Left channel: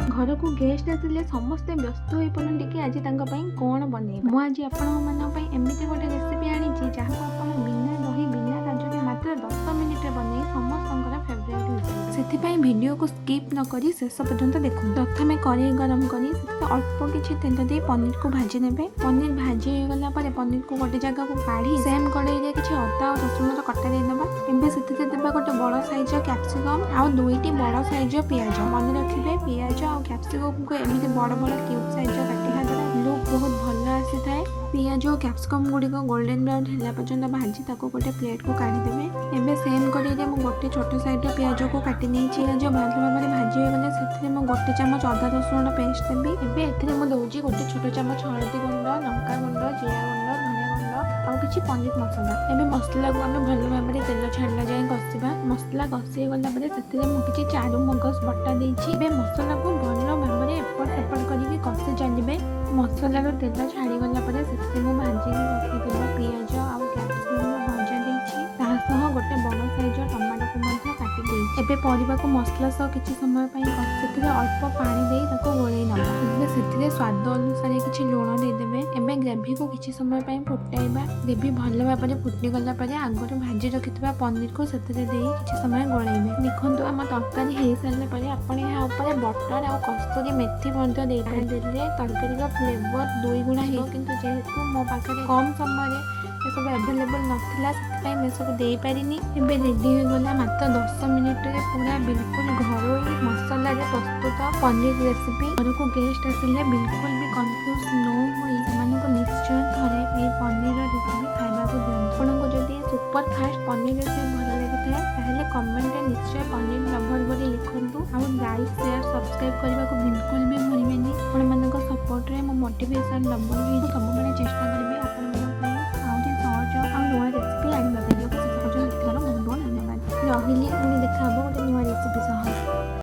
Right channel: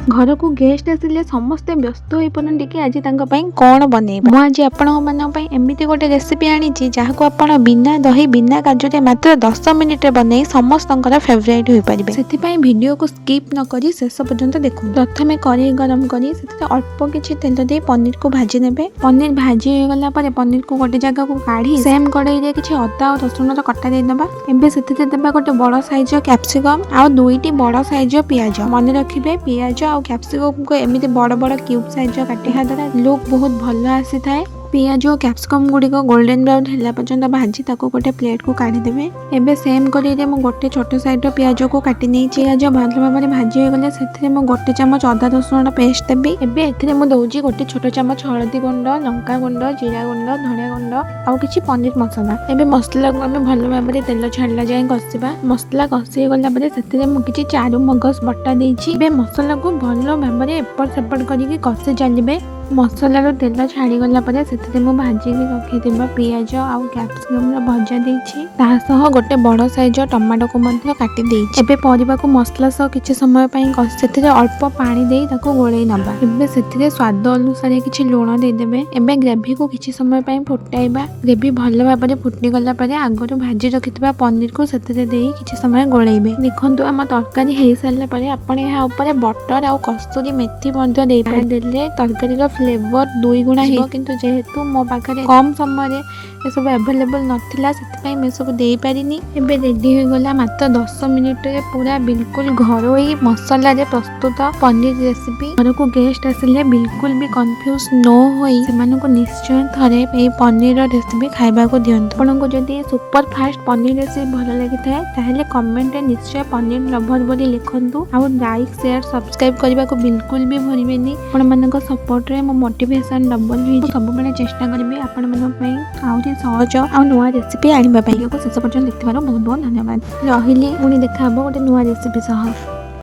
घर को गेस्ट आसिले समस्ते व्यस्त हो पड़ती कि आज कौन बनइबा। मुझे आज आपण एमती गोटे रेसिपी आनी जहाँ आप बिना दही बिना काजू मात्र 10 मिनिट बनई समस्त फेवरेट हो पारे। से वीडियो को स्किप न करी शेष पर्यंत देखो। प्रथम कड़े गरम करी अल्प किसी तेल दे पनीर को भाजी ने। पनीर भाजी हो गला पनीर को गोटे जगह को काढ़ी सेम कड़ाई किसी अदा और रसुण कटा देदबा। एबे से देबा गोटे बड़ साइज कैप्सिकम आ दुईटी बड़ साइज पियाज। मन रखिए पियाज आ कैप्सिकम को एमती बड़ बड़ क्यूब साइज काटिया द्वारा लुक बहुत भल आसी थाए। पियाज और कैप्सिकम गुड़िक गोल्डन ब्राउन है पर्यंत भाजी गोटे प्लेट को काढ़ीदेवे। एबे सेम कड़े गोटे छोट साइड पियाज को काटी नहीं पियाज भल भाव भाजी हो गले से गोटे चामच अदा रसुण पेस्ट देवी। एबे एथिरे मु दउची गोटे छोट चामच हळदी गुंड लंका गुंड जीरा गुंड धनिया गुंड आउ किछि पनीर मसला। एबे मसला को आमे भल भाव तेल छाड़ला जाए कषिबा। मसला कषि गला परे सेथिरे मु किछि चारु मगज बटा देइछि। एबे मसला को भल भाव एपट सेपट करिकि कषि चलिबे। मसलार तेल छाड़ी गला परे सेथिरे मु भाजी रखिथिबा पियाज आउ कैप्सिकम भजा देइछि। तासह गोटे बड़ साइज टमाटो को मध्य काटी देइछि। एबे परिबा को मसला सह किछि समय पई सेथिरे अल्प पानी देई ताको गोळेई नबा। एबे सेथिरे स्वाद अनुसार किछि लूण दे देबे। एबे ग्रेवी को किछि समय पई फुटाइबा। ग्रेवी भल भाव फुटी गला परे आगरो भाजी रखिथिबा पनीर को सेथिरे देई किछि समय गोळेइबे। देखंतु हम तरकारी हेई सारला परे आपण एहा ऊपर बटर आउ कस्तूरी मेथी मध्य देई पारे। देले तरकारी फ्लेवर 2 गुणा हो किंतु जेहेतु मो पाखे कम समय ये सब अवेलेबल नथिला से मैं सब दे पारिनी। एबे रेडी हो गला मात्र 10 मिनिट रे पूरा बिल्कुल घरोई मसला रे प्रस्तुत पनीर रेसिपी। घर को गेस्ट आसिले बिल्कुल भी कंफ्यूज न होई सेमानको निश्चय थरे ए पनीर रेसिपी खाइबा को दियंतु। आपनको जदी सुपर फास्ट पनीर रेसिपी भल लागि थाए ताहेले कमेंट रे निश्चय पनीर लवर बोली लिखंतु। आ लाइक शेयर सब्सक्राइब करबा को बिल्कुल भी भूलिबेनी। आपण मानको सपोर्ट रे मो मोटिवेशन डबल हो सब बेले चेष्टा करबे आपण मानक पई आउरी सहज आ नुआ रेसिपी आनिबा पई। शेष पर्यंत देखिबार बहुत बहुत धन्यवाद। रहिली पुणी देखा गोटे नुआ रेसिपी सह।